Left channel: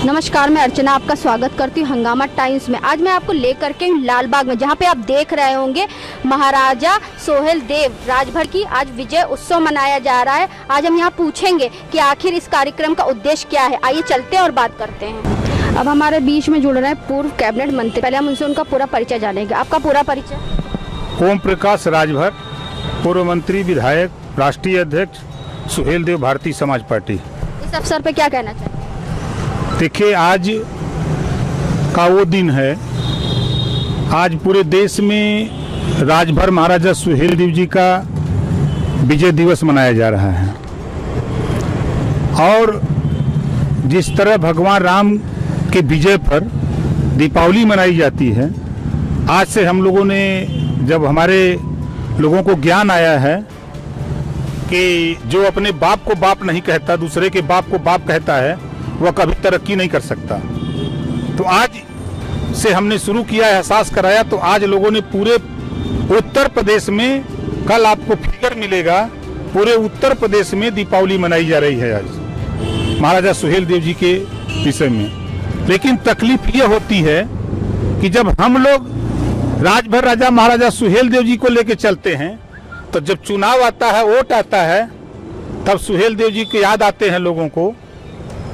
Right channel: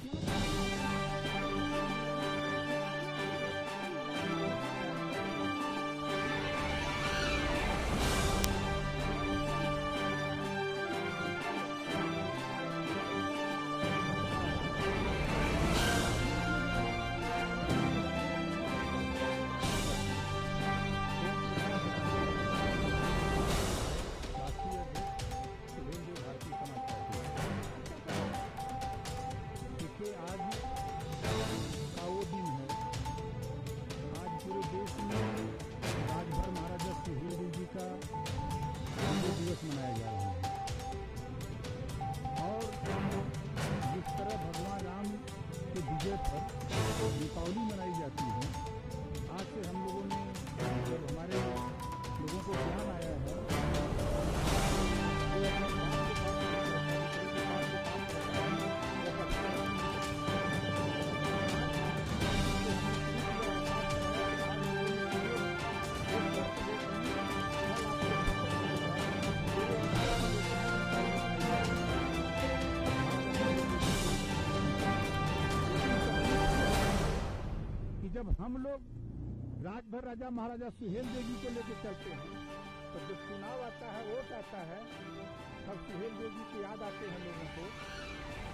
नमस्कार, मैं अर्चना आपका स्वागत करती हूँ हंगामा टाइम्स में। आज मैं आपको लेकर के लाल बाग में, जहाँ पे आप देख रहे होंगे महाराजा सोहेल देव राजभर की आज विजय उत्सव मनाया जा रहा है। आज हम यहाँ पूछेंगे कि आखिर इस कार्यक्रम का उद्देश्य क्या है। आइए चलते हैं और बात करते हैं। अब हमारे बीच में जुड़ रहे हैं पूर्व कैबिनेट मंत्री। पहले हम उनसे उनका पूरा परिचय जानेंगे। आपका पूरा परिचय? ओम प्रकाश राजभर, पूर्व मंत्री, विधायक, राष्ट्रीय अध्यक्ष सुहेल देव, भारतीय समाज पार्टी। इस अवसर पे क्या कहना चाहिए? देखिए, आज का वो दिन है। आज पूरे देश में राजभर महाराजा सुहेल देव जी का विजय दिवस मनाया जा रहा है। और जिस तरह भगवान राम के विजय पर दीपावली मनाई जाती है, आज से हम लोगों ने, जब हमारे लोगों को ज्ञान आया है कि जो अपने बाप को बाप नहीं कहता, दूसरे के बाप को बाप कहता है, वह कभी तरक्की नहीं कर सकता। तो आज से हमने शुरू किया, एहसास कराया। तो आज लोगों ने पूरे उत्तर प्रदेश में, कल आपको फिगर मिलेगा, पूरे उत्तर प्रदेश में दीपावली मनाई जा रही है आज महाराजा सुहेल देव जी के विषय में। लेकिन तकलीफ ये होती है कि जब हम लोग राजभर राजा महाराजा सुहेल देव जी को लेकर चलते हैं, तो जब चुनाव आता है, वोट आता है, तब सुहेल देव जी के याद आते हैं लोगों को।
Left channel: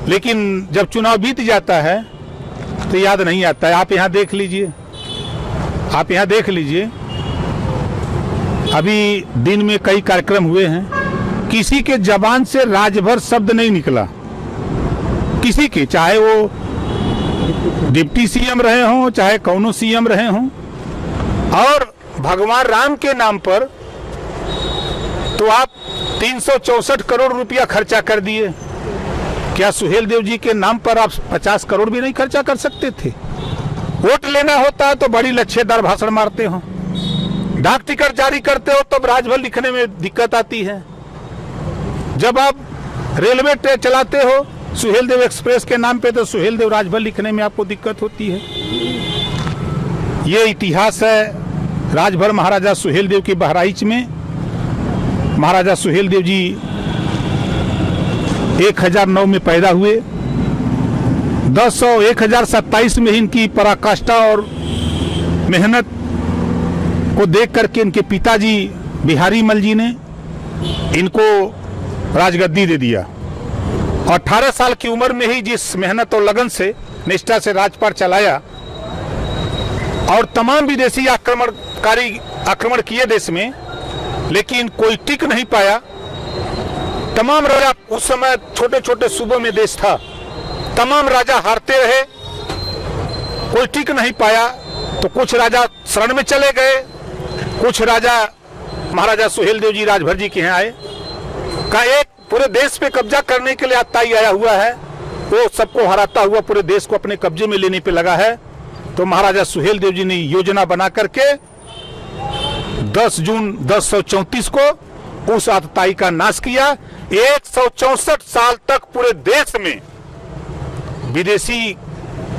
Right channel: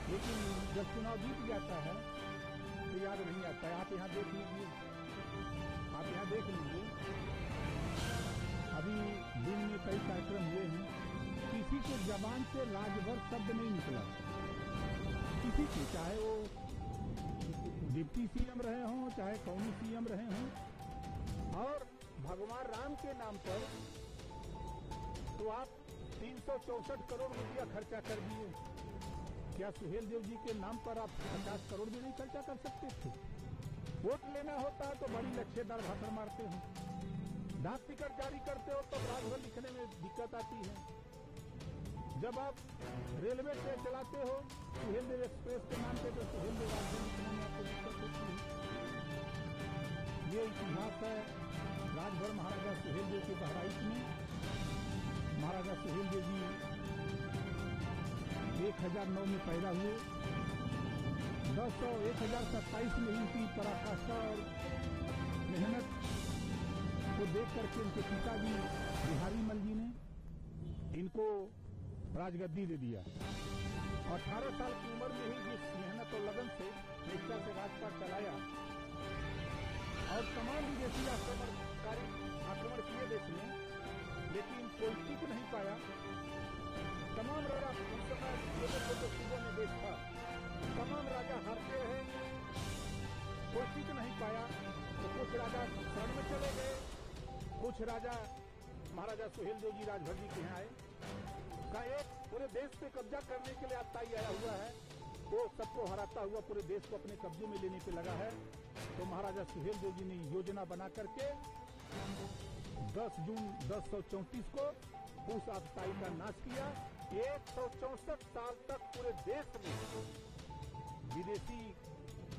लेकिन जब चुनाव बीत जाता है तो याद नहीं आता है। आप यहाँ देख लीजिए, आप यहाँ देख लीजिए, अभी दिन में कई कार्यक्रम हुए हैं, किसी के जबान से राजभर शब्द नहीं निकला। किसी के, चाहे वो डिप्टी सीएम रहे हों, चाहे कौनो सीएम रहे हों। और भगवान राम के नाम पर तो आप 364 करोड़ रुपया खर्चा कर दिए। क्या सुहेल देव जी के नाम पर आप 50 करोड़ भी नहीं खर्चा कर सकते थे? वोट लेना होता है तो बड़ी लच्छेदार भाषण मारते हो, डाक टिकट जारी करते हो तब राजभर लिखने में दिक्कत आती है। जब आप रेलवे ट्रेन चलाते हो सुहेल देव एक्सप्रेस के नाम पे, तो सुहेल देव राजभर लिखने में आपको दिक्कत होती है। ये इतिहास है राजभर महाराजा सुहेल देव के बहराइच में। महाराजा सुहेल देव जी 1009 में पैदा हुए। 1027 में इनकी पराकाष्ठा और मेहनत को देख करके इनके पिताजी बिहारी मल जी ने इनको राजगद्दी दे दिया। 18 साल की उम्र में ही जिस मेहनत और लगन से, निष्ठा से राजपाट चलाया और तमाम विदेशी आक्रमण किए देश में, लेकिन कोई टिक नहीं पाया। तमाम राजा, उस समय छोटे छोटे सूबों में देश था, तमाम राजा हारते रहे, कोई टिक नहीं पाया। तो कुछ राजा शरण में चले गए, कुछ राजा महाराजा सुहेल देव जी राजभर जी के यहाँ आए। का एक पूरे देश पे कब्जा करने के लिए आताई आया हुआ है, वो सबको हराता हुआ पूरे देश को अपने कब्जे में लेने पे लगा है। तो महाराजा सुहेल देव जी ने योजना बना करके 10 जून 1034 को उस आतताई का नाश किया। 164 साल तक पूरे देश में विदेशी,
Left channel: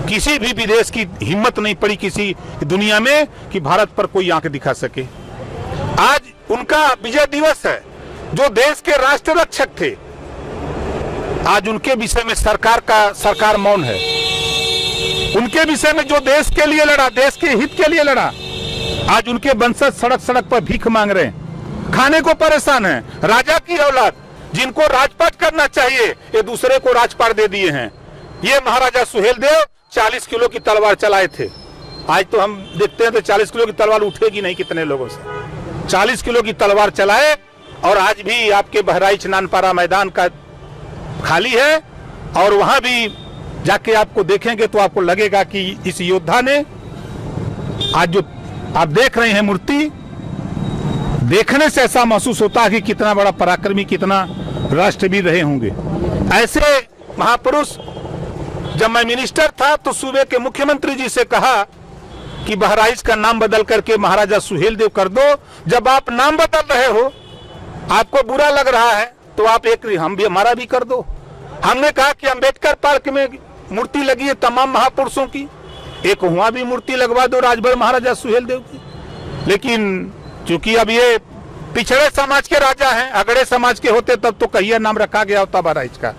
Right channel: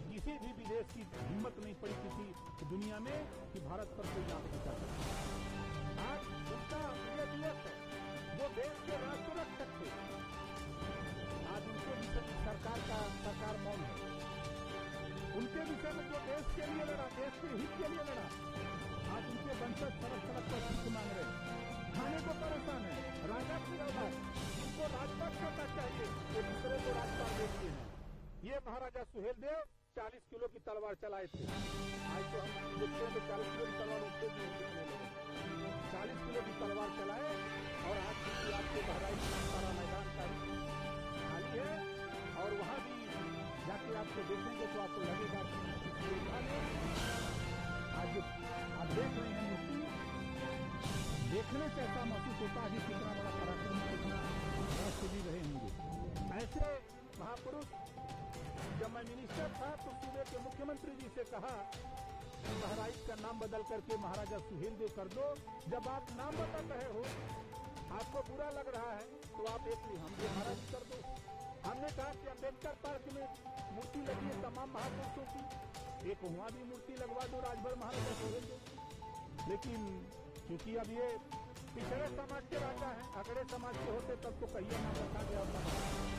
किसी भी विदेश की हिम्मत नहीं पड़ी किसी दुनिया में कि भारत पर कोई आंख दिखा सके। आज उनका विजय दिवस है, जो देश के राष्ट्र रक्षक थे। आज उनके विषय में सरकार मौन है। उनके विषय में जो देश के लिए लड़ा, देश के हित के लिए लड़ा, आज उनके वंशज सड़क सड़क पर भीख मांग रहे हैं, खाने को परेशान है। राजा की औलाद जिनको राजपाट करना चाहिए, ये दूसरे को राजपाट दे दिए हैं। ये महाराजा सुहेल देव 40 किलो की तलवार चलाए थे। आज तो हम देखते हैं तो 40 किलो की तलवार उठेगी नहीं कितने लोगों से। 40 किलो की तलवार चलाए, और आज भी आपके बहराइच नानपारा मैदान का खाली है। और वहां भी जाके आपको देखेंगे तो आपको लगेगा कि इस योद्धा ने, आज जो आप देख रहे हैं मूर्ति, देखने से ऐसा महसूस होता है कि कितना बड़ा पराक्रमी, कितना राष्ट्रवीर रहे होंगे। ऐसे महापुरुष, जब मैं मिनिस्टर था तो सूबे के मुख्यमंत्री जी से कहा कि बहराइच का नाम बदल करके महाराजा सुहेल देव कर दो। जब आप नाम बदल रहे हो, आपको बुरा लग रहा है, तो आप एक हमारा भी कर दो। हमने कहा कि अंबेडकर पार्क में मूर्ति लगी है तमाम महापुरुषों की, एक वहां भी मूर्ति लगवा दो राजभर महाराजा सुहेल देव की। लेकिन चूंकि अब ये पिछड़े समाज के राजा हैं, अगड़े समाज के होते तब तो कहिया नाम रखा गया होता बहराइच का।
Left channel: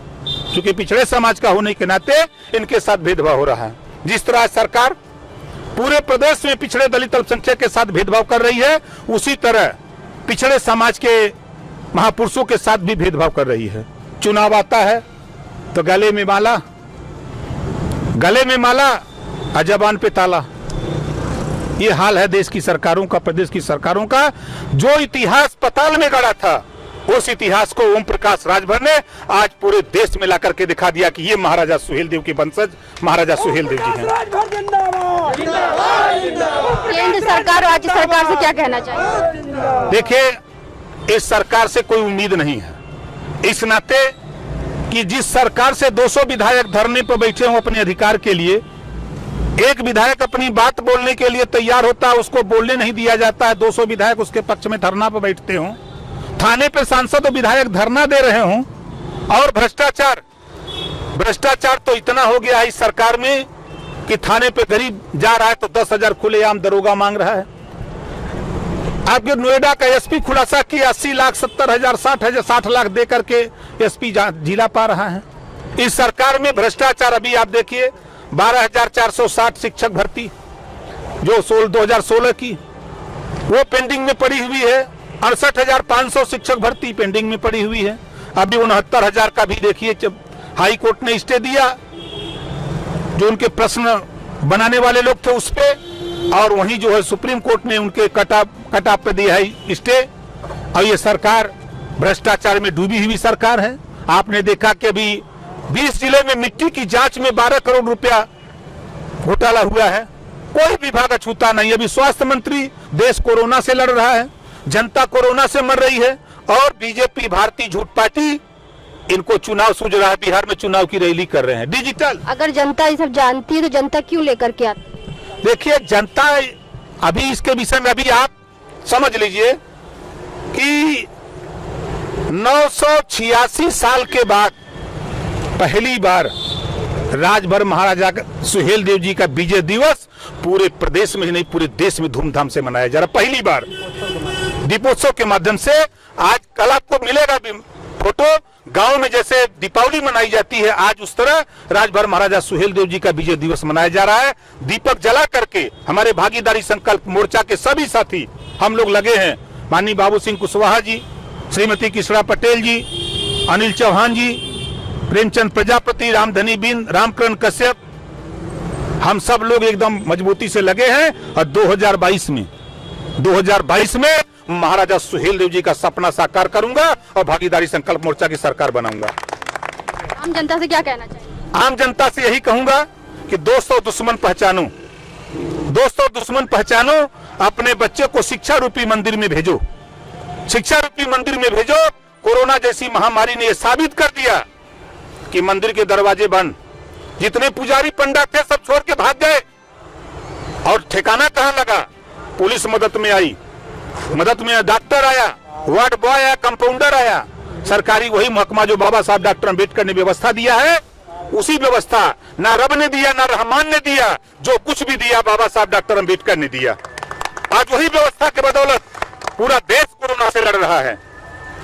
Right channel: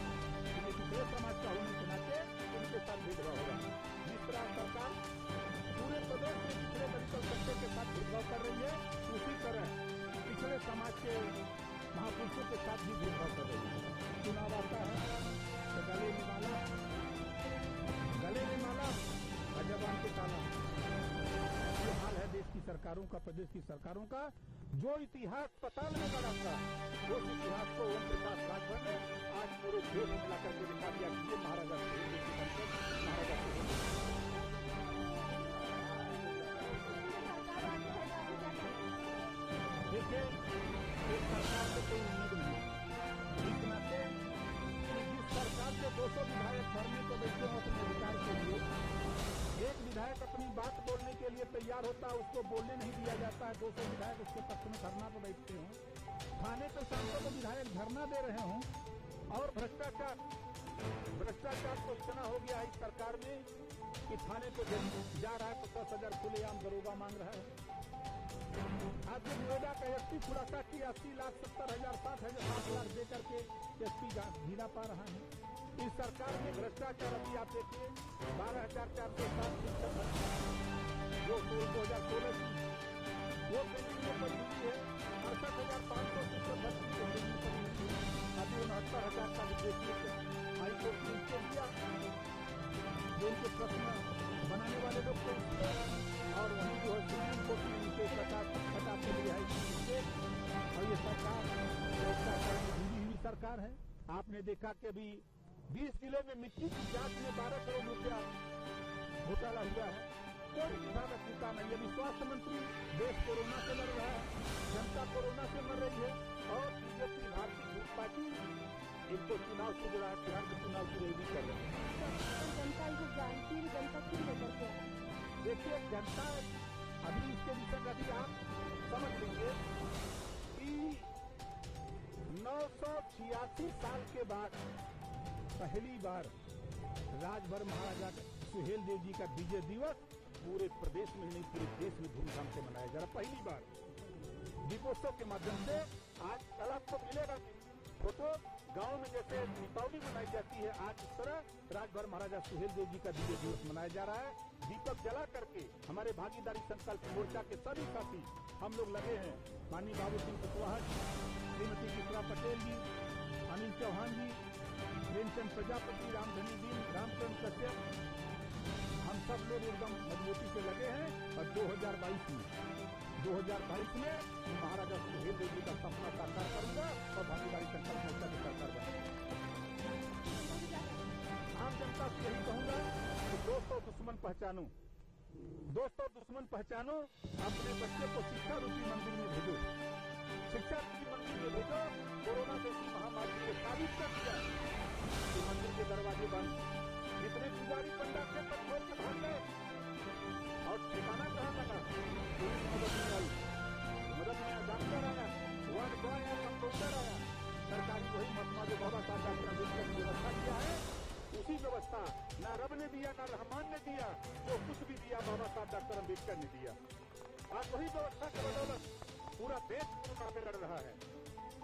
क्योंकि पिछड़े समाज का होने के नाते इनके साथ भेदभाव हो रहा है। जिस तरह सरकार पूरे प्रदेश में पिछड़े दलित अल्पसंख्यक के साथ भेदभाव कर रही है, उसी तरह पिछड़े समाज के महापुरुषों के साथ भी भेदभाव कर रही है। चुनाव आता है तो गले में माला और जबान पे ताला। ये हाल है देश की सरकारों का, प्रदेश की सरकारों का। जो इतिहास पताल में गड़ा था, उस इतिहास को ओम प्रकाश राजभर ने आज पूरे देश में लाकर के दिखा दिया कि ये महाराजा सुहेलदेव के वंशज महाराजा सुहेलदेव जी हैं। केंद्र सरकार और राज्य सरकार से क्या कहना चाहिए? देखिए, इस सरकार से कोई उम्मीद नहीं है, इस नाते कि जिस सरकार से 200 विधायक धरने पर बैठे हों अपने अधिकार के लिए, एक विधायक अपनी बात बोलने के लिए तैयार होता है, उसको बोलने नहीं दिया जाता है। 200 विधायक उसके पक्ष में धरना पर बैठते हों, थाने पे सांसद और विधायक धरना दे रहे हों, और भ्रष्टाचार तो इतना हो गया है इस सरकार में कि थाने पे गरीब जा रहा है तो 10,000 खुलेआम दरोगा मांग रहा है। आपके नोएडा का एसपी खुलासा किया 80 लाख 70 हजार 60 लाख दे करके एसपी जिला पा रहा है। इस सरकार में भ्रष्टाचार, अभी आप देखिए 12,460 शिक्षक भर्ती जो 2016 की, वो पेंडिंग में पड़ी हुई है। 68,500 शिक्षक भर्ती पेंडिंग में पड़ी हुई है। अभी 69,000 का भी देखिए हाई कोर्ट ने स्टे दिया, जो उनके प्रश्न बनाने वाले लोग थे उस पे, और वहीं जो है सुप्रीम कोर्ट ने उनके कट ऑफ पे दिया है स्टे। और ये सरकार भ्रष्टाचार में डूबी हुई सरकार है। आपने देखा कि अभी 20 जिले में मिट्टी की जांच में 12 करोड़ रुपया घोटाला हुआ है, कोई विभाग अछूता नहीं। अभी स्वास्थ्य मंत्री, देश कोरोना से लड़ रहा है, जनता कोरोना से मर रही है, और बीजेपी भारतीय झूठ पार्टी इनको चुनाव सूझ रहा है, बिहार में चुनाव की रैली कर रहे हैं डिजिटल। अगर जनता ये सब जानती है तो जनता क्यों लेकर के आती? देखिए, जनता अभी इसके विषय में अभी आप समझ लीजिए कि 986 साल के बाद पहली बार राजभर महाराजा सुहेलदेव जी का विजय दिवस पूरे प्रदेश में ही नहीं पूरे देश में धूमधाम से मनाया जा रहा। पहली बार दीपोत्सव के माध्यम से आज कल आपको मिलेगा फोटो, गांव में जैसे दीपावली मनाई जाती है, आज उस तरह राजभर महाराजा सुहेलदेव जी का विजय दिवस मनाया जा रहा है। दीपक जला करके हमारे भागीदारी संकल्प मोर्चा के सभी साथी हम लोग लगे हैं। माननीय बाबू सिंह कुशवाहा जी, श्रीमती किशोरा पटेल जी, अनिल चौहान जी, प्रेमचंद प्रजापति, रामधनी बिंद, रामकरण कश्यप, हम सब लोग एकदम मजबूती से लगे हैं। और 2022 में महाराजा सुहेलदेव जी का सपना साकार करूंगा और भागीदारी संकल्प मोर्चा की सरकार बनाऊंगा। आम जनता से क्या कहना चाहिए? आम जनता से यही कहूंगा कि दोस्त और दुश्मन पहचानो, दोस्त और दुश्मन पहचानो। अपने बच्चे को शिक्षा रूपी मंदिर में भेजो, शिक्षा रूपी मंदिर में भेजो। कोरोना जैसी महामारी ने यह साबित कर दिया कि मंदिर के दरवाजे बंद, जितने पुजारी पंडित थे सब छोड़ के भाग गए, और ठिकाना कहां लगा? पुलिस मदद में आई, मदद में डॉक्टर आया, वार्ड बॉय आया, कंपाउंडर आया। सरकारी वही महकमा जो बाबा साहब डॉक्टर अम्बेडकर ने व्यवस्था दिया है, उसी व्यवस्था ना रब ने दिया ना रहमान ने दिया, जो कुछ भी दिया बाबा साहब डॉक्टर अम्बेडकर ने दिया। आज वही व्यवस्था के बदौलत पूरा देश कोरोना से लड़ रहा है।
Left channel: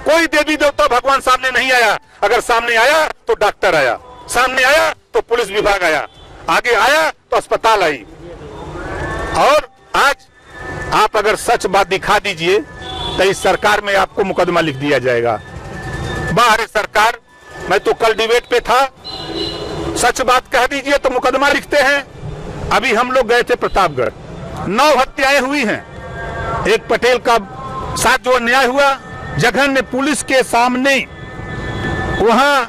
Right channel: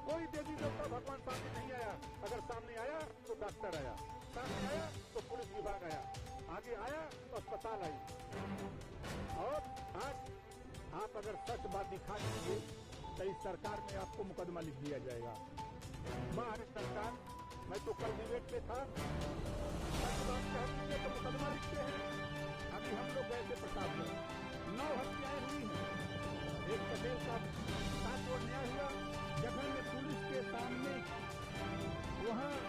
कोई देवी देवता भगवान सामने नहीं आया, अगर सामने आया तो डॉक्टर आया, सामने आया तो पुलिस विभाग आया, आगे आया तो अस्पताल आई। और आज आप अगर सच बात दिखा दीजिए तो इस सरकार में आपको मुकदमा लिख दिया जाएगा। बाहर सरकार, मैं तो कल डिबेट पे था, सच बात कह दीजिए तो मुकदमा लिखते हैं। अभी हम लोग गए थे प्रतापगढ़, 9 हत्याएं हुई हैं। एक पटेल का साथ जो अन्याय हुआ, जघन्य पुलिस के सामने वहां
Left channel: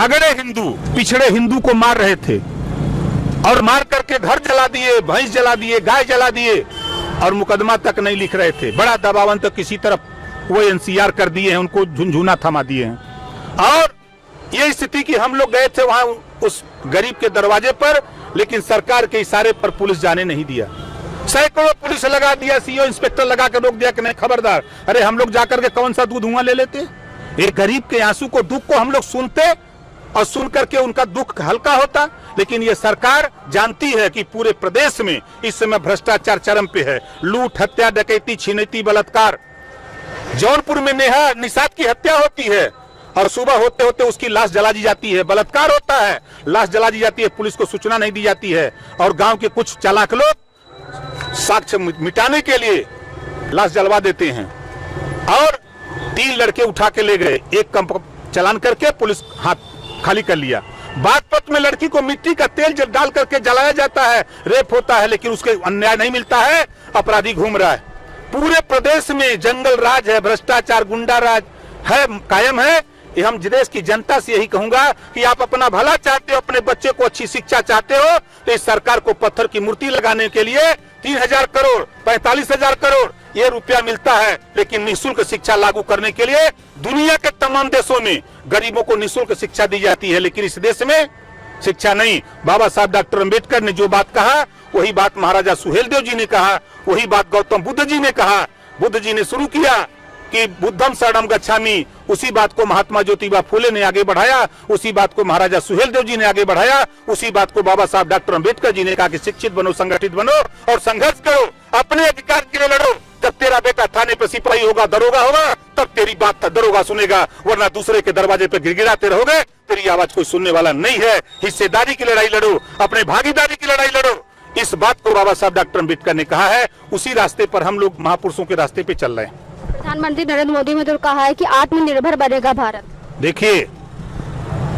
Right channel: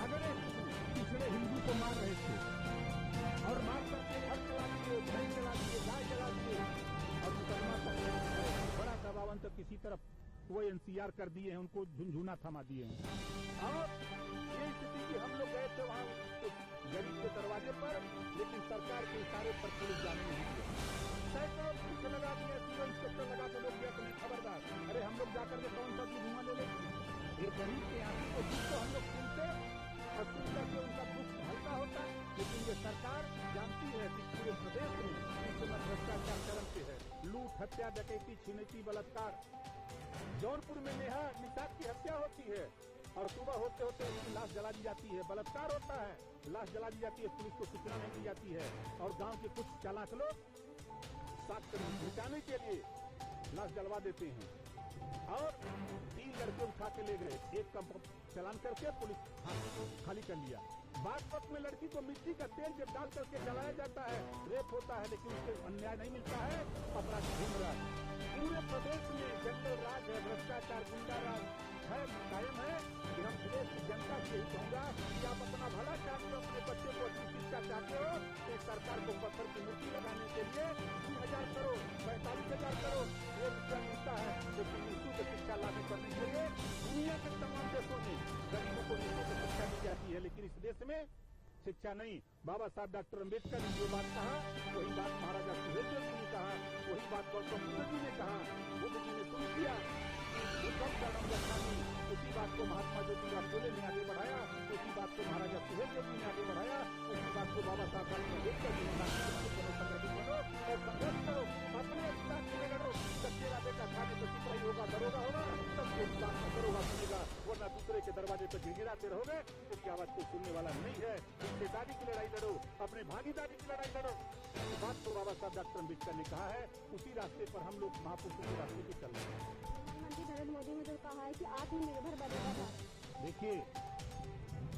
अगड़े हिंदू पिछड़े हिंदू को मार रहे थे, और मार करके घर जला दिए, भैंस जला दिए, गाय जला दिए, और मुकदमा तक नहीं लिख रहे थे। बड़ा दबावन तो किसी तरफ वो एनसीआर कर दिए हैं, उनको झुनझुना थमा दिए हैं। और ये स्थिति कि हम लोग गए थे वहां उस गरीब के दरवाजे पर, लेकिन सरकार के इशारे पर पुलिस जाने नहीं दिया। सैकड़ों पुलिस लगा दिया, सीओ इंस्पेक्टर लगा कर रोक दिया कि नहीं खबरदार। अरे हम लोग जाकर के कौन सा दूध धुआं ले लेते? एक गरीब के आंसू को, दुख को हम लोग सुनते और सुन करके उनका दुख हल्का होता। लेकिन ये सरकार जानती है कि पूरे प्रदेश में इस समय भ्रष्टाचार चरम पे है। लूट, हत्या, डकैती, छिनैती, बलात्कार। जौनपुर में नेहा निषाद की हत्या होती है और सुबह होते होते उसकी लाश जला दी जाती है। बलात्कार होता है, लाश जला दी जाती है, पुलिस को सूचना नहीं दी जाती है और गांव के कुछ चालाक लोग साक्ष्य मिटाने के लिए लाश जलवा देते हैं। और 3 लड़के उठा के ले गए, एक कम चालान करके पुलिस हाथ खाली कर लिया। बागपत में लड़की को मिट्टी का तेल डाल करके जलाया जाता है, रेप होता है, लेकिन उसके अन्याय नहीं मिलता है, अपराधी घूम रहा है। पूरे प्रदेश में जंगल राज है, भ्रष्टाचार, गुंडा राज है, कायम है। ये हम देश की जनता से यही कहूंगा कि आप अपना भला चाहते हो, अपने बच्चे को अच्छी शिक्षा चाहते हो, तो इस सरकार को पत्थर की मूर्ति लगाने के लिए 3000 करोड़ 45,000 करोड़ ये रुपया मिलता है, लेकिन निःशुल्क शिक्षा लागू करने के लिए दुनिया के तमाम देशों में गरीबों को निःशुल्क शिक्षा दी जाती है, लेकिन इस देश में शिक्षा नहीं। बाबा साहब डॉक्टर अंबेडकर ने जो बात कहा वही बात महाराजा सुहेलदेव जी ने कहा, वही बात गौतम बुद्ध जी ने कहा। बुद्ध जी ने शुरू किया कि बुद्धम शरणम गच्छामि, उसी बात को महात्मा ज्योतिबा फूले ने आगे बढ़ाया, उसी बात को महाराजा सुहेलदेव जी ने आगे बढ़ाया, उसी बात को बाबा साहब डॉक्टर अंबेडकर जी ने कहा कि शिक्षित बनो, संगठित बनो और संघर्ष करो, अपने अधिकार के लिए लड़ो। जब तेरा बेटा थाने पे सिपाही होगा, दरोगा होगा, तब तेरी बात दरोगा सुनेगा, वरना दूसरे के दरवाजे पे गिड़गिड़ाते रहोगे, तेरी आवाज कोई सुनने वाला नहीं है। हिस्सेदारी की लड़ाई लड़ो, अपने भागीदारी की लड़ाई लड़ो। इस बात को बाबा साहब डॉक्टर अंबेडकर ने कहा है, उसी रास्ते पर हम लोग महापुरुषों के रास्ते पे चल रहे हैं। प्रधानमंत्री नरेंद्र मोदी ने तो कहा है कि आत्मनिर्भर बनेगा भारत। देखिए,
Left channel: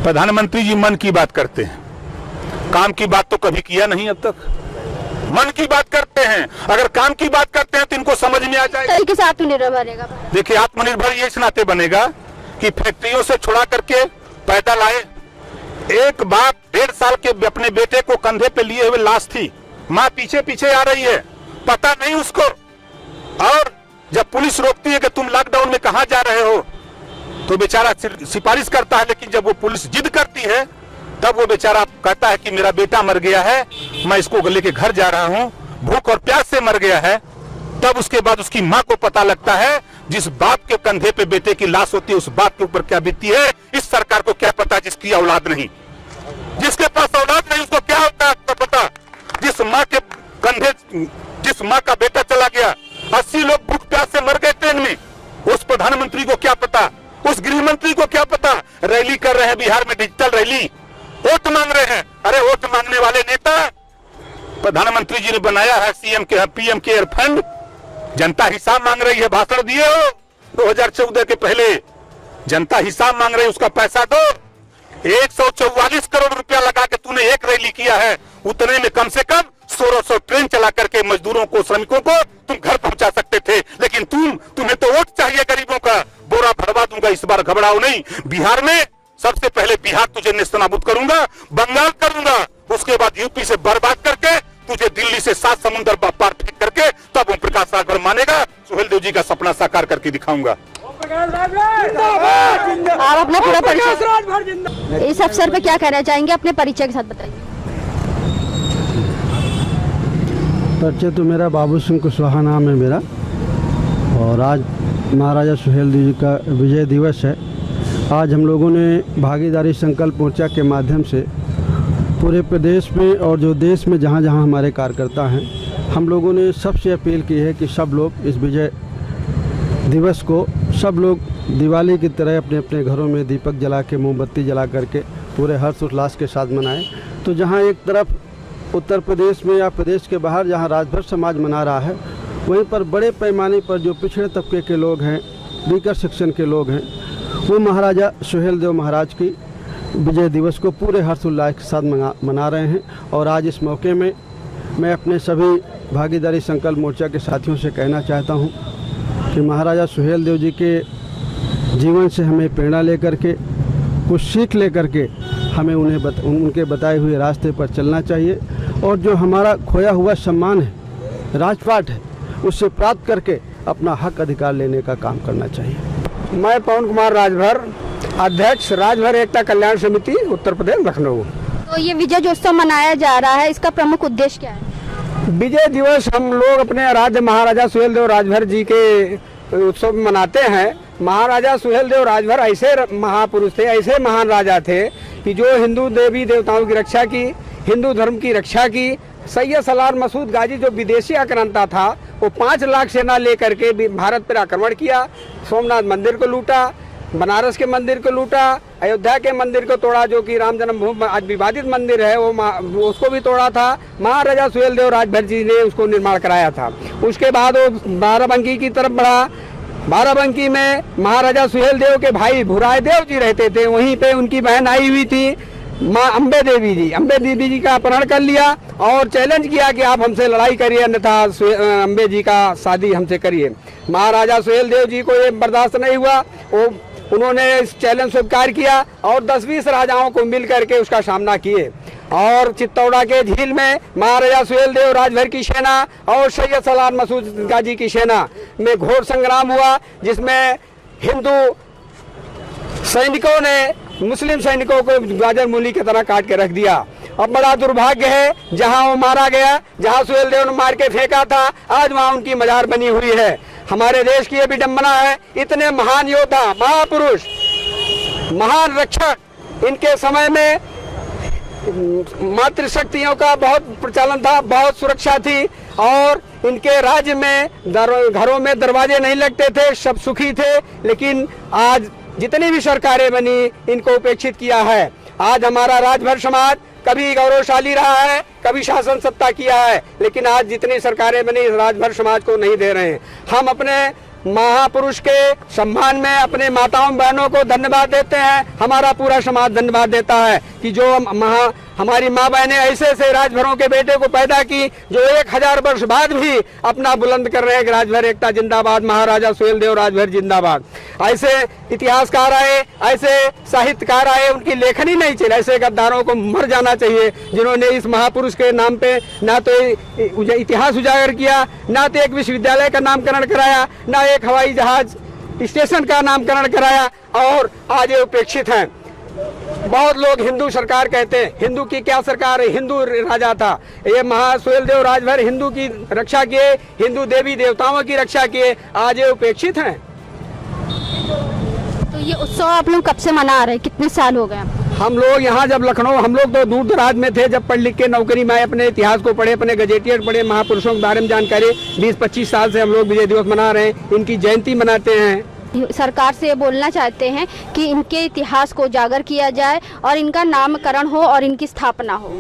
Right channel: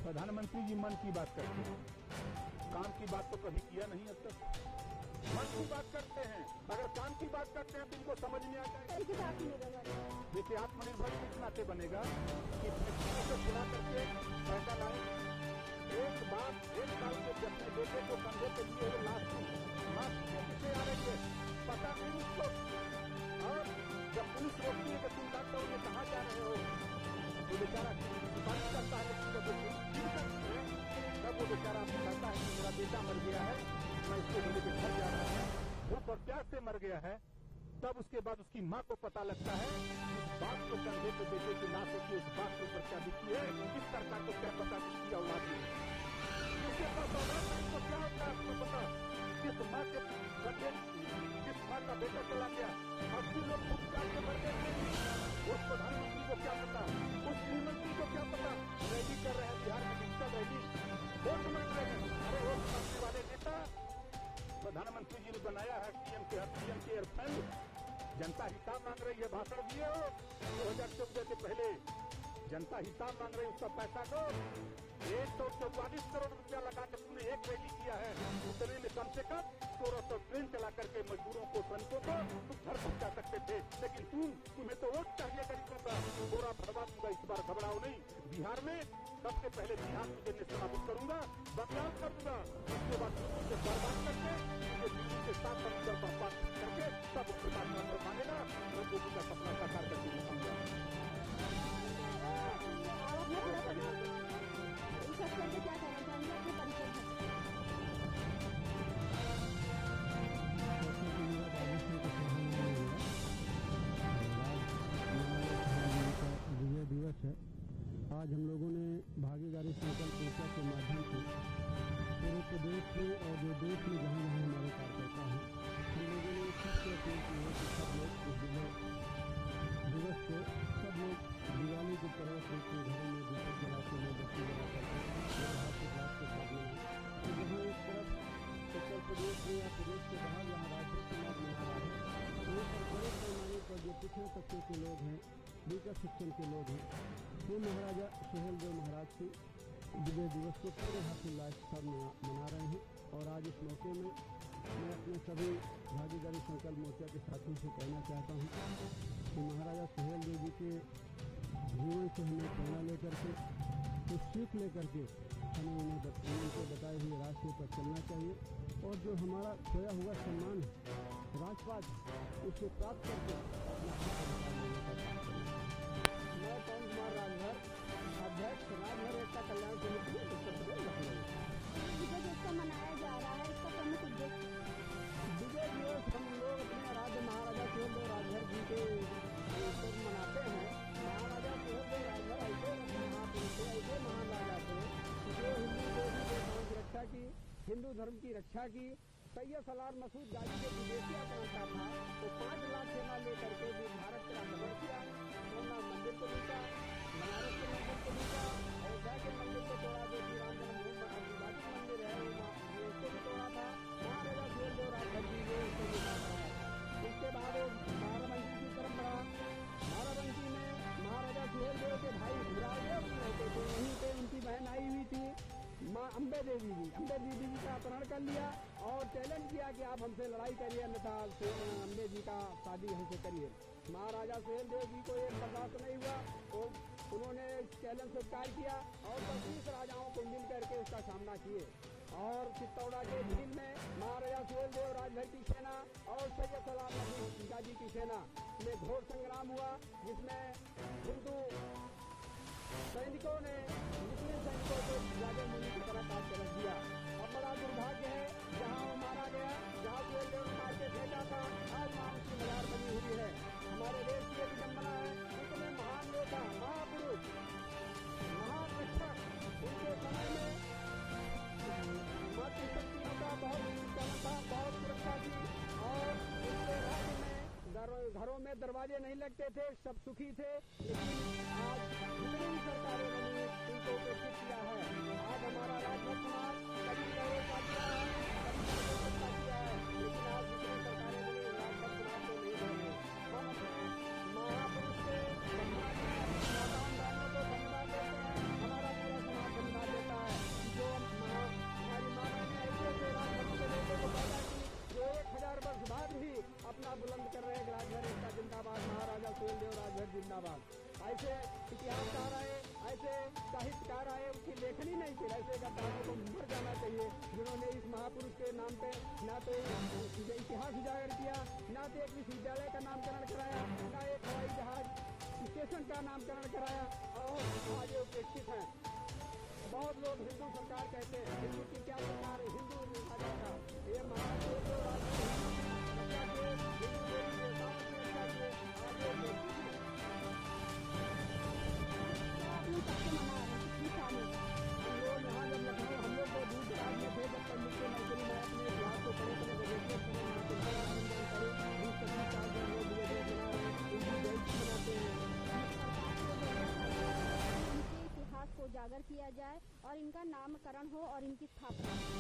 प्रधानमंत्री जी मन की बात करते हैं, काम की बात तो कभी किया नहीं अब तक। मन की बात करते हैं, अगर काम की बात करते हैं तो इनको समझ में आ जाएगा। तरीके से आत्मनिर्भर बनेगा भारत। देखिए, आत्मनिर्भर ये इस नाते बनेगा कि फैक्ट्रियों से छुड़ा करके पैदा लाए। एक बाप 1.5 साल के अपने बेटे को कंधे पे लिए हुए लाश थी, माँ पीछे पीछे आ रही है, पता नहीं उसको। और जब पुलिस रोकती है कि तुम लॉकडाउन में कहां जा रहे हो, तो बेचारा सिफारिश करता है, लेकिन जब वो पुलिस जिद करती है तब वो बेचारा कहता है कि मेरा बेटा मर गया है, मैं इसको लेके घर जा रहा हूं, भूख और प्यास से मर गया है। तब उसके बाद उसकी माँ को पता लगता है, जिस बाप के कंधे पे बेटे की लाश होती है उस बाप के ऊपर क्या बीतती है, इस सरकार को क्या पता जिसकी औलाद नहीं। जिसके पास औलाद नहीं उसको क्या होता है आपको पता। जिस माँ के कंधे, जिस माँ का बेटा चला गया, 80 लोग भूख प्यास से मर गए ट्रेन में, उस प्रधानमंत्री को क्या पता, उस गृह मंत्री को क्या पता। रैली कर रहे हैं बिहार में, डिजिटल रैली, वोट मांग रहे हैं। अरे वोट मांगने वाले नेता, प्रधानमंत्री जी ने बनाया है सीएम के पीएम केयर फंड, जनता हिसाब मांग रही है, भाषण दिए हो 2014 के पहले, जनता हिसाब मांग रही है, उसका पैसा दो। 144 करोड़ रुपया लगा के तूने एक रैली किया है, उतने में कम से कम 1600 ट्रेन चला करके मजदूरों को, श्रमिकों को तुम घर पहुंचा सकते थे, लेकिन तुम्हें तो वोट चाहिए गरीबों का। बोरा भरवा दूंगा, इस बार घबराओ नहीं। बिहार में सबसे पहले बिहार तुझे नेस्तनाबूद करूंगा, बंगाल करूंगा, उसके बाद यूपी से बर्बाद करके तुझे दिल्ली से 7 समुद्र पार फेंक करके तब ओम प्रकाश राजभर मानेगा। सुहेलदेव जी का सपना साकार करके दिखाऊंगा। आप अपना पूरा परिचय इस अवसर पे क्या कहना चाहेंगे, अपने परिचय के साथ बताइए। परिचय तो मेरा बाबू सिंह कुशवाहा नाम है मेरा, और आज महाराजा सुहेलदेव जी का विजय दिवस है। आज हम लोगों ने भागीदारी संकल्प मोर्चा के माध्यम से पूरे प्रदेश में और जो देश में जहाँ जहाँ हमारे कार्यकर्ता हैं, हम लोगों ने सबसे अपील की है कि सब लोग इस विजय दिवस को, सब लोग दिवाली की तरह अपने अपने घरों में दीपक जला के, मोमबत्ती जला करके पूरे हर्ष उल्लास के साथ मनाएं। तो जहाँ एक तरफ उत्तर प्रदेश में या प्रदेश के बाहर जहाँ राजभर समाज मना रहा है, वहीं पर बड़े पैमाने पर जो पिछड़े तबके के लोग हैं, वीकर सेक्शन के लोग हैं, वो महाराजा सुहेलदेव महाराज की विजय दिवस को पूरे हर्षोल्लास के साथ मना रहे हैं। और आज इस मौके में मैं अपने सभी भागीदारी संकल्प मोर्चा के साथियों से कहना चाहता हूं कि महाराजा सुहेलदेव जी के जीवन से हमें प्रेरणा लेकर के, कुछ सीख लेकर के हमें उनके बताए हुए रास्ते पर चलना चाहिए, और जो हमारा खोया हुआ सम्मान है, राजपाट है, उससे प्राप्त करके अपना हक अधिकार लेने का काम करना चाहिए। मैं पवन कुमार राजभर, अध्यक्ष राजभर एकता कल्याण समिति, उत्तर प्रदेश, लखनऊ। तो ये विजय उत्सव मनाया जा रहा है, इसका प्रमुख उद्देश्य क्या है? विजय दिवस हम लोग अपने आराध्य महाराजा सुहेलदेव राजभर जी के उत्सव मनाते हैं। महाराजा सुहेलदेव राजभर ऐसे महापुरुष थे, ऐसे महान राजा थे कि जो हिंदू देवी देवताओं की रक्षा की, हिंदू धर्म की रक्षा की। सैयद सलार मसूद गाजी जो विदेशी आक्रांता था, वो 5 लाख सेना लेकर के भारत पर आक्रमण किया, सोमनाथ मंदिर को लूटा, बनारस के मंदिर को लूटा, अयोध्या के मंदिर को तोड़ा, जो कि राम जन्मभूमि आज विवादित मंदिर है, वो उसको भी तोड़ा था। महाराजा सुहेलदेव राजभर जी ने उसको निर्माण कराया था। उसके बाद वो बाराबंकी की तरफ बढ़ा। बाराबंकी में महाराजा सुहेलदेव के भाई भुराय देव जी रहते थे, वहीं पे उनकी बहन आई हुई थी माँ अम्बे देवी जी का अपहरण कर लिया और चैलेंज किया कि आप हमसे लड़ाई करिए, अन्यथा अम्बे जी का शादी हमसे करिए। महाराजा सुहेलदेव जी को ये बर्दाश्त नहीं हुआ, उन्होंने इस चैलेंज स्वीकार किया और 10-20 राजाओं को मिल करके उसका सामना किए। और चित्तौड़ा के झील में महाराजा सुहेलदेव राजभर की सेना और सैयद सलार मसूद गाजी की सेना में घोर संग्राम हुआ, जिसमें हिंदू सैनिकों ने मुस्लिम सैनिकों को गाजर मूली की तरह काट के रख दिया। अब बड़ा दुर्भाग्य है, जहां वो मारा गया, जहां सुहेलदेव ने मार के फेंका था, आज वहां उनकी मजार बनी हुई है। हमारे देश की ये विडंबना है, इतने महान योद्धा, महापुरुष, महान रक्षक, इनके समय में मातृशक्तियों का बहुत प्रचलन था, बहुत सुरक्षा थी और इनके राज्य में घरों में दरवाजे नहीं लगते थे, सब सुखी थे। लेकिन आज जितनी भी सरकारें बनी, इनको उपेक्षित किया है। आज हमारा राजभर समाज कभी गौरवशाली रहा है, कभी शासन सत्ता किया है, लेकिन आज जितनी सरकारें बनी राजभर समाज को नहीं दे रहे हैं। हम अपने महापुरुष के सम्मान में अपने माताओं बहनों को धन्यवाद देते हैं, हमारा पूरा समाज धन्यवाद देता है कि जो हमारी माँ बहनें ऐसे राजभरों के बेटे को पैदा की, जो 1000 वर्ष बाद भी अपना बुलंद कर रहे हैं, राजभर एकता जिंदाबाद, महाराजा सुहेलदेव राजभर जिंदाबाद। ऐसे इतिहासकार आए, ऐसे साहित्यकार आए, उनकी लेखनी नहीं चली। ऐसे गद्दारों को मर जाना चाहिए, जिन्होंने इस महापुरुष के नाम पे ना तो इतिहास उजागर किया, ना तो एक विश्वविद्यालय का नामकरण कराया, ना एक हवाई जहाज स्टेशन का नामकरण कराया, और आज ये उपेक्षित हैं। बहुत लोग हिंदू सरकार कहते हैं, हिंदू की क्या सरकार है, हिंदू राजा था। ये सुहेलदेव राजभर हिंदू की रक्षा किए, हिंदू देवी देवताओं की रक्षा किए, आज ये उपेक्षित हैं। तो ये उत्सव आप लोग कब से मना रहे हैं, कितने साल हो गए? हम लोग यहाँ जब लखनऊ, हम लोग तो दूर दराज में थे, जब पढ़ लिख के नौकरी में आए, अपने इतिहास को पढ़े, अपने गजेटियर पढ़े, महापुरुषों के बारे में जानकारी, 20-25 साल से हम लोग विजय दिवस मना रहे हैं, इनकी जयंती मनाते हैं। सरकार से ये बोलना चाहते हैं कि इनके इतिहास को उजागर किया जाए और इनका नामकरण हो और इनकी स्थापना हो।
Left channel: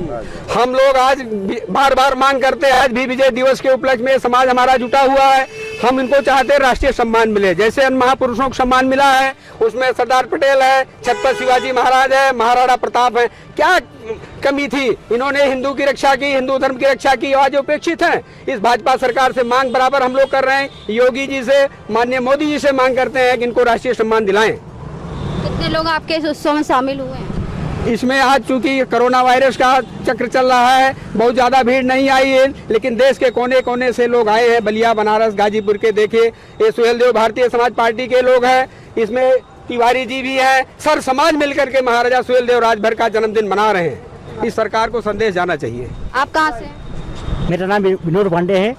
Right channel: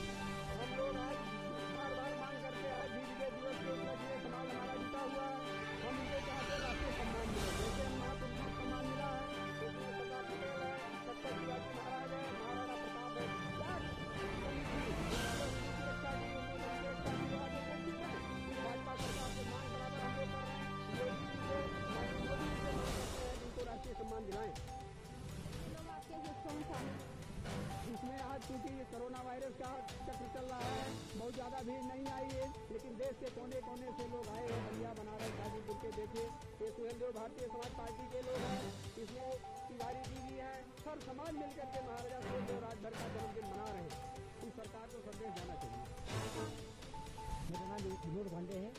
हम लोग आज बार बार मांग करते हैं, आज भी विजय दिवस के उपलक्ष्य में समाज हमारा जुटा हुआ है। हम इनको चाहते हैं राष्ट्रीय सम्मान मिले, जैसे अन्य महापुरुषों को सम्मान मिला है, उसमें सरदार पटेल है, छत्रपति शिवाजी महाराज है, महाराणा प्रताप है। क्या कमी थी? इन्होंने हिंदू की रक्षा की, हिंदू धर्म की रक्षा की, आज उपेक्षित हैं। इस भाजपा सरकार से मांग बराबर हम लोग कर रहे हैं, योगी जी से, माननीय मोदी जी से मांग करते हैं कि इनको राष्ट्रीय सम्मान दिलाएं। कितने लोग आपके इस उत्सव में शामिल हुए हैं? इसमें आज चूंकि कोरोना वायरस का चक्र चल रहा है, बहुत ज्यादा भीड़ नहीं आई है, लेकिन देश के कोने कोने से लोग आए हैं। बलिया, बनारस, गाजीपुर के देखिए, ये सुहेलदेव भारतीय समाज पार्टी के लोग हैं, इसमें तिवारी जी भी है, सर समाज मिलकर के महाराजा सुहेलदेव राजभर का जन्मदिन मना रहे हैं। इस सरकार को संदेश जाना चाहिए। आप कहाँ से? मेरा नाम विनोद पांडे है,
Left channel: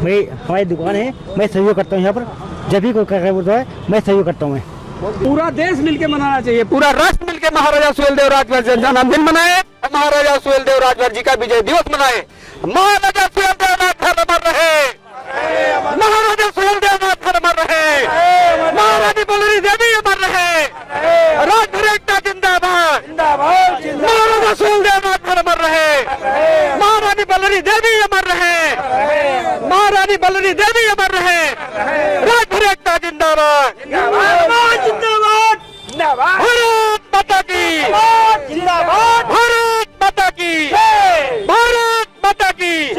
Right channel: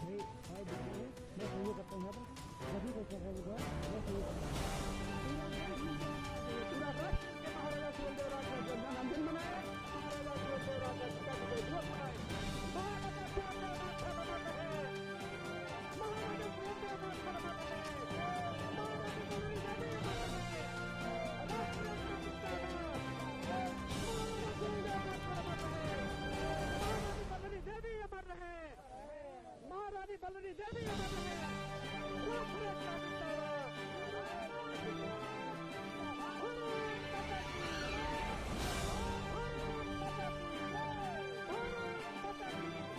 मेरी हमारी दुकान है, मैं सहयोग करता हूँ यहाँ पर, जब भी कोई कार्य होता है मैं सहयोग करता हूँ। पूरा देश मिलके मनाना चाहिए, पूरा राष्ट्र मिलके महाराजा सुहेलदेव राजभर का जन्मदिन मनाए, महाराजा सुहेलदेव राजभर जी का विजय दिवस मनाए। महाराजा सुहेलदेव राजभर अमर रहे, महाराजा सुहेलदेव राजभर अमर रहे, महारानी बलरी देवी अमर रहे, राजभर एकता जिंदाबाद, महाराजा सुहेलदेव राजभर अमर रहे, महारानी बलरी देवी अमर रहे, महारानी बलरी देवी अमर रहे, राजभर एकता जिंदाबाद, भारत माता की, भारत माता की, भारत माता की।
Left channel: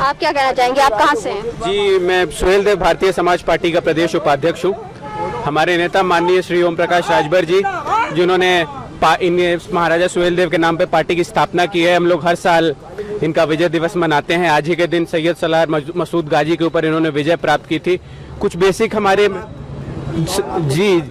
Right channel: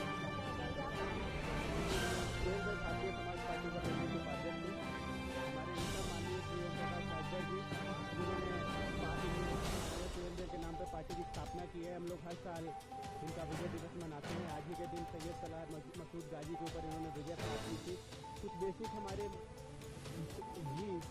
आप क्या कहना चाहेंगे, आप कहाँ से हैं? जी, मैं सुहेलदेव भारतीय समाज पार्टी का प्रदेश उपाध्यक्ष हूँ। हमारे नेता माननीय श्री ओम प्रकाश राजभर जी, जिन्होंने महाराजा सुहेलदेव के नाम पे पार्टी की स्थापना की है, हम लोग हर साल इनका विजय दिवस मनाते हैं। आज ही के दिन सैयद सलार मसूद गाजी के ऊपर इन्होंने विजय प्राप्त की थी। कुछ बेसिक हमारे जी,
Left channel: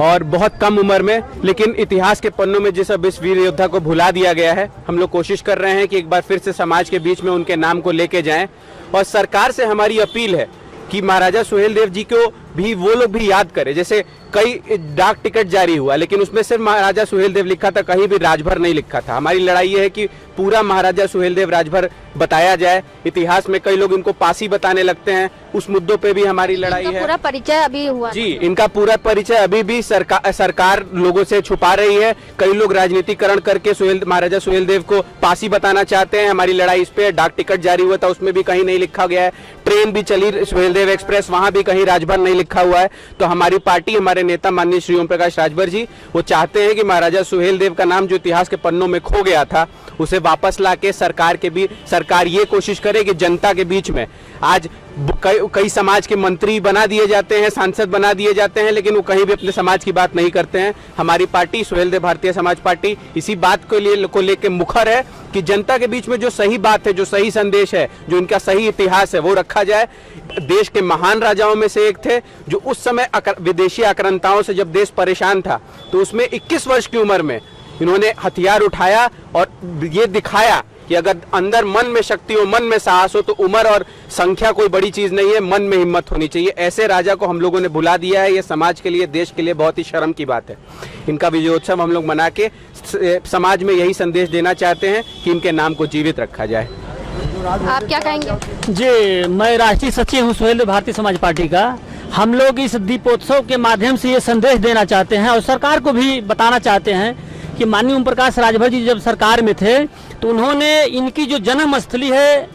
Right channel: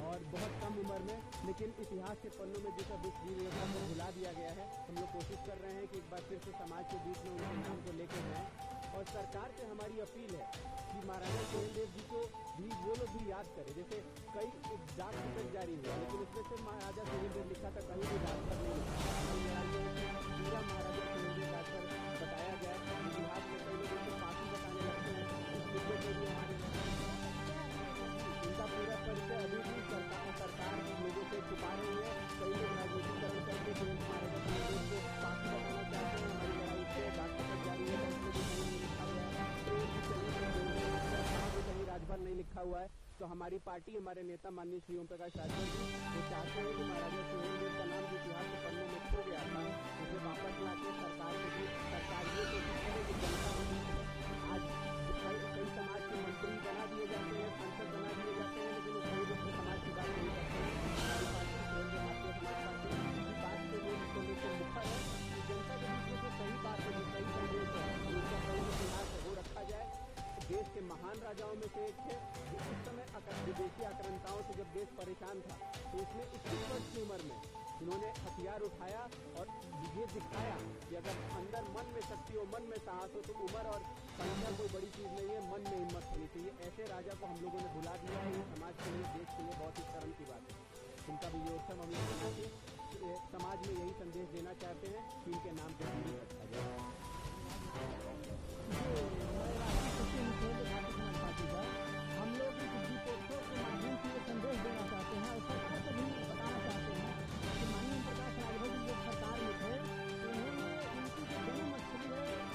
और बहुत कम उम्र में, लेकिन इतिहास के पन्नों में जिस अब इस वीर योद्धा को भुला दिया गया है, हम लोग कोशिश कर रहे हैं कि एक बार फिर से समाज के बीच में उनके नाम को लेके जाएं। और सरकार से हमारी अपील है कि महाराजा सुहेलदेव जी को भी वो लोग भी याद करें। जैसे कई डाक टिकट जारी हुआ लेकिन उसमें सिर्फ महाराजा सुहेलदेव लिखा था, कहीं भी राजभर नहीं लिखा था। हमारी लड़ाई ये है कि पूरा महाराजा सुहेलदेव राजभर बताया जाए। इतिहास में कई लोग इनको पासी बताने लगते हैं, उस मुद्दों पे भी हमारी लड़ाई है। पूरा परिचय अभी हुआ जी, इनका पूरा परिचय अभी भी सरकार लोगों से छुपा रही है। कई लोग राजनीतिकरण करके महाराजा सुहेलदेव को पासी बताना चाहते हैं। हमारी लड़ाई इस पे। डाक टिकट जारी हुआ था, उसमें भी कहीं नहीं लिखा गया है। ट्रेन भी चली सुहेलदेव एक्सप्रेस, वहां भी कहीं राजभर नहीं लिखा हुआ है। तो हमारी पार्टी, हमारे नेता माननीय श्री ओम प्रकाश राजभर जी, वो चाहते हैं कि महाराजा सुहेलदेव का नाम जो इतिहास के पन्नों में खो गया था उसे वापस लाके सरकार ये कोशिश करे कि जनता के बीच में आज कई समाज के मंत्री बना दिए जाते हैं, सांसद बना दिए जाते हैं, लेकिन वो कहीं भी अपने समाज की बात नहीं करते हैं। हमारी पार्टी सुहेलदेव भारतीय समाज पार्टी इसी बात को लेकर मुखर है कि जनता के बीच में जो सही बात है, जो सही संदेश है, जो इनका सही इतिहास है वो रखा जाए। देश के महान राजाओं में से एक थे जो उस समय विदेशी आक्रांताओं से जब देश परेशान था तो उसमें 21 वर्ष की उम्र में इन्होंने हथियार उठाया और ये दिखाया कि अगर अंदर मन में शक्ति हो, मन में साहस हो तो उम्र और संख्या कोई बड़ी चीज नहीं है, मन में हिम्मत होनी चाहिए। ऐसे राजा को हम लोगों ने भुला दिया है। ये समाज के लिए, देश के लिए बहुत ही शर्म की बात है। इनका विजयोत्सव हम लोग मना के समाज में यही संदेश देना चाहते हैं कि इनके नाम को जीवित रखा जाए। आप क्या कहेंगे? जी, मैं राष्ट्रीय सचिव हूँ सुहेलदेव भारतीय समाज पार्टी का। हम लोग इस दीपोत्सव के माध्यम से ये संदेश देना चाहते हैं और सरकार को भी बताना चाहते हैं कि माननीय ओम प्रकाश राजभर जी जब सरकार में थे तो उन्होंने इनकी जो जन्म स्थली है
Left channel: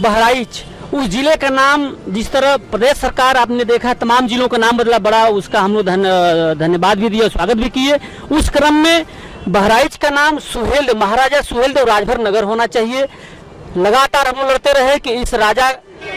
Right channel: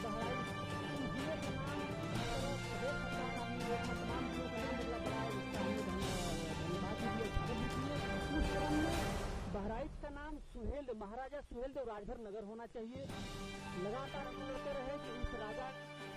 बहराइच, उस जिले का नाम, जिस तरह प्रदेश सरकार आपने देखा तमाम जिलों का नाम बदला, बड़ा उसका हम लोग धन्यवाद भी दिया, स्वागत भी किए। उस क्रम में बहराइच का नाम महाराजा सुहेलदेव राजभर नगर होना चाहिए। लगातार हम लोग लड़ते रहे कि इस राजा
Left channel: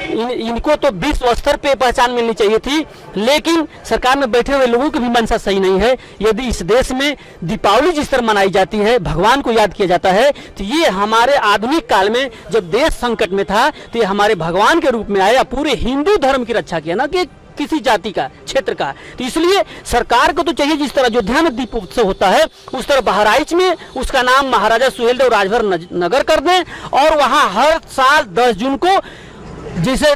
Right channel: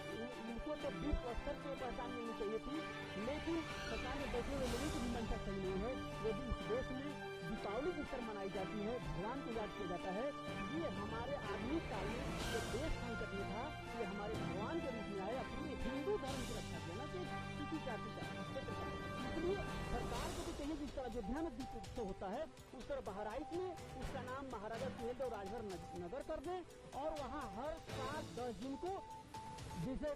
इनको तो विश्व स्तर पे पहचान मिलनी चाहिए थी, लेकिन सरकार में बैठे हुए लोगों की भी मंशा सही नहीं है। यदि इस देश में दीपावली जिस तरह मनाई जाती है, भगवान को याद किया जाता है, तो ये हमारे आधुनिक काल में जब देश संकट में था तो ये हमारे भगवान के रूप में आए, पूरे हिंदू धर्म की रक्षा किया, ना कि किसी जाति का, क्षेत्र का। तो इसलिए सरकार को तो चाहिए जिस तरह अयोध्या में दीपोत्सव होता है उस तरह बहराइच में उसका नाम महाराजा सुहेलदेव राजभर नगर कर दें और वहां हर साल 10 जून को जैसे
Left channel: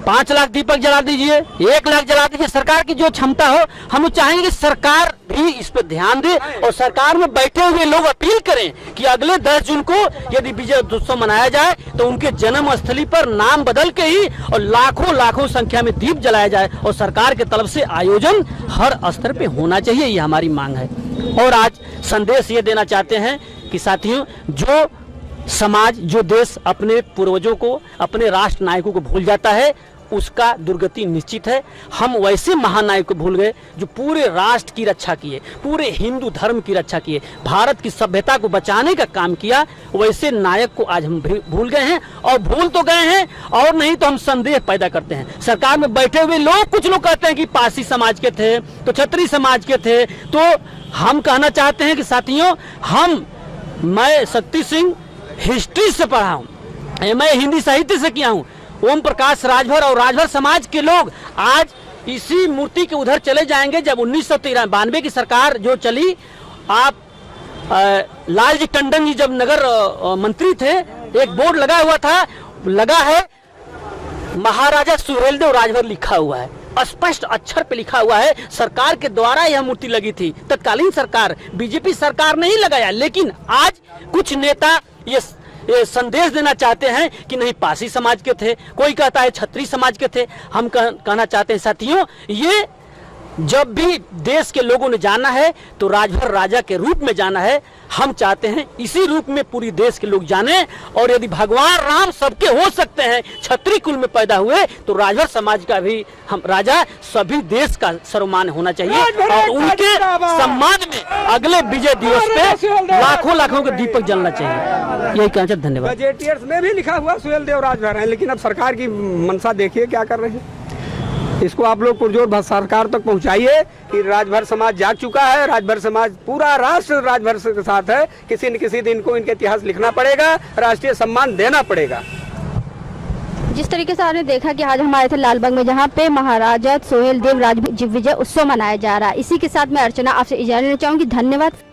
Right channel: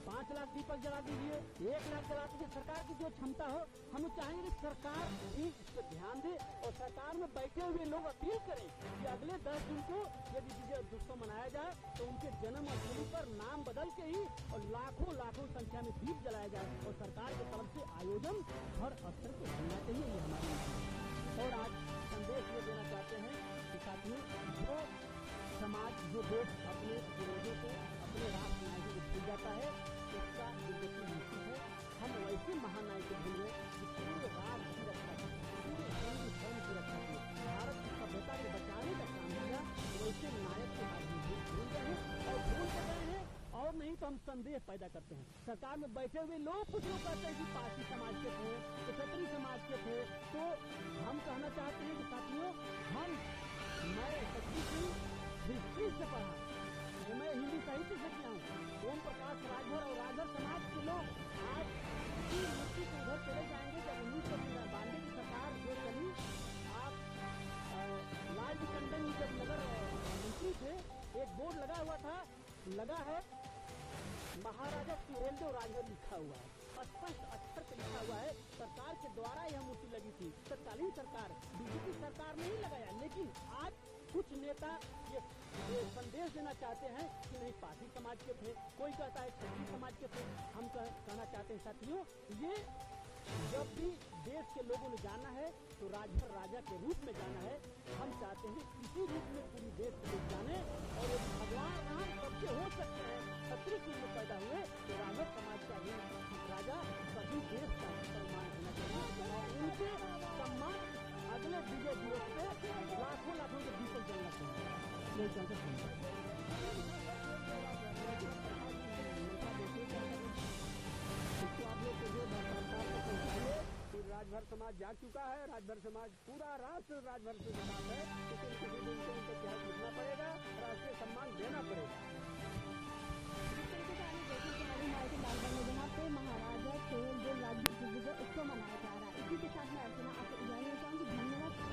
5 लाख दीपक जला दीजिए, 1 लाख जला दीजिए, सरकार की जो क्षमता हो। हम चाहेंगे कि सरकार भी इस पर ध्यान दे और सरकार में बैठे हुए लोग अपील करें कि अगले 10 जून को यदि विजय उत्सव मनाया जाए तो उनके जन्म स्थली पर नाम बदल के ही और लाखों संख्या में दीप जलाया जाए और सरकार के तरफ से आयोजन हर स्तर पे होना चाहिए, ये हमारी मांग है। और आज संदेश ये देना चाहते हैं कि साथियों, जो समाज, जो देश अपने पूर्वजों को, अपने राष्ट्र नायकों को भूल जाता है उसका दुर्गति निश्चित है। हम वैसे महानायक को भूल गए जो पूरे राष्ट्र की रक्षा किए, पूरे हिंदू धर्म की रक्षा किए, भारत की सभ्यता को बचाने का काम किया। वैसे नायक को आज हम भूल गए हैं और भूल तो गए हैं और नहीं तो हम संदेह पैदा करते हैं। सरकार में बैठे हुए लोग, कुछ लोग कहते हैं कि पारसी समाज के थे तो क्षत्रिय समाज के थे। तो हम कहना चाहते हैं कि साथियों, मैं शक्ति सिंह हिस्ट्री से पढ़ा हूँ, मैं हिंदी साहित्य से किया हूँ। ओम प्रकाश राजभर और राजभर समाज के लोग आज इसी मूर्ति के उधर चले जाएंगे। जब 1992 की सरकार जो चली, आप लालजी टंडन जी जब नगर मंत्री थे, एक बोर्ड लगा हुआ था, लगा है महाराजा सुहेलदेव राजभर लिखा हुआ है, स्पष्ट अक्षर पे लिखा हुआ है। सरकार के द्वारा यह मूर्ति लगी थी, तत्कालीन सरकार, बीजेपी सरकार नहीं लगाया। लेकिन आज कुछ नेता ये संदेश देना चाहते हैं कि नहीं पारसी समाज के थे, कोई कहता है क्षत्रिय समाज के थे। हम कहना चाहते हैं साथियों, ये जब भी देश के लोगों ने जाना है तो राजभर राजा के रूप में जाना है। हम चाहते हैं इसी रूप में पूरी देश के लोग जाने। और यदि भगवान राम सबके हो सकते हैं, क्षत्रिय कुल में पैदा हुए, तो राजभर समाज का भी हम राजा सभी देश का सर्वमान होना चाहिए और उनके सम्मान में अगले विजय दिवस पे लाखों के दीपक जलना चाहिए। यही कहना। धन्यवाद। गजेटियर्स में भी लिखा हुआ सुहेलदेव राजभर है, लेकिन अब सरकार की मंशा देखिए क्या कर रही है। इसको आप लोग पुरजोर सरकार तक पहुंचाइए कि राजभर समाज जाग चुका है। राजभर समाज, पूरा राष्ट्र राजभर के साथ है। किसी न किसी दिन को इनके इतिहास लिखना पड़ेगा, राष्ट्रीय सम्मान देना पड़ेगा। जिस तरीके से आपने देखा कि आज हमारे थे लालबाग में, जहाँ पे महाराजा सुहेलदेव राजभर विजय उत्सव मनाया जा रहा है। इसी के साथ मैं अर्चना आपसे इजाजत लेना चाहूंगी। धन्यवाद।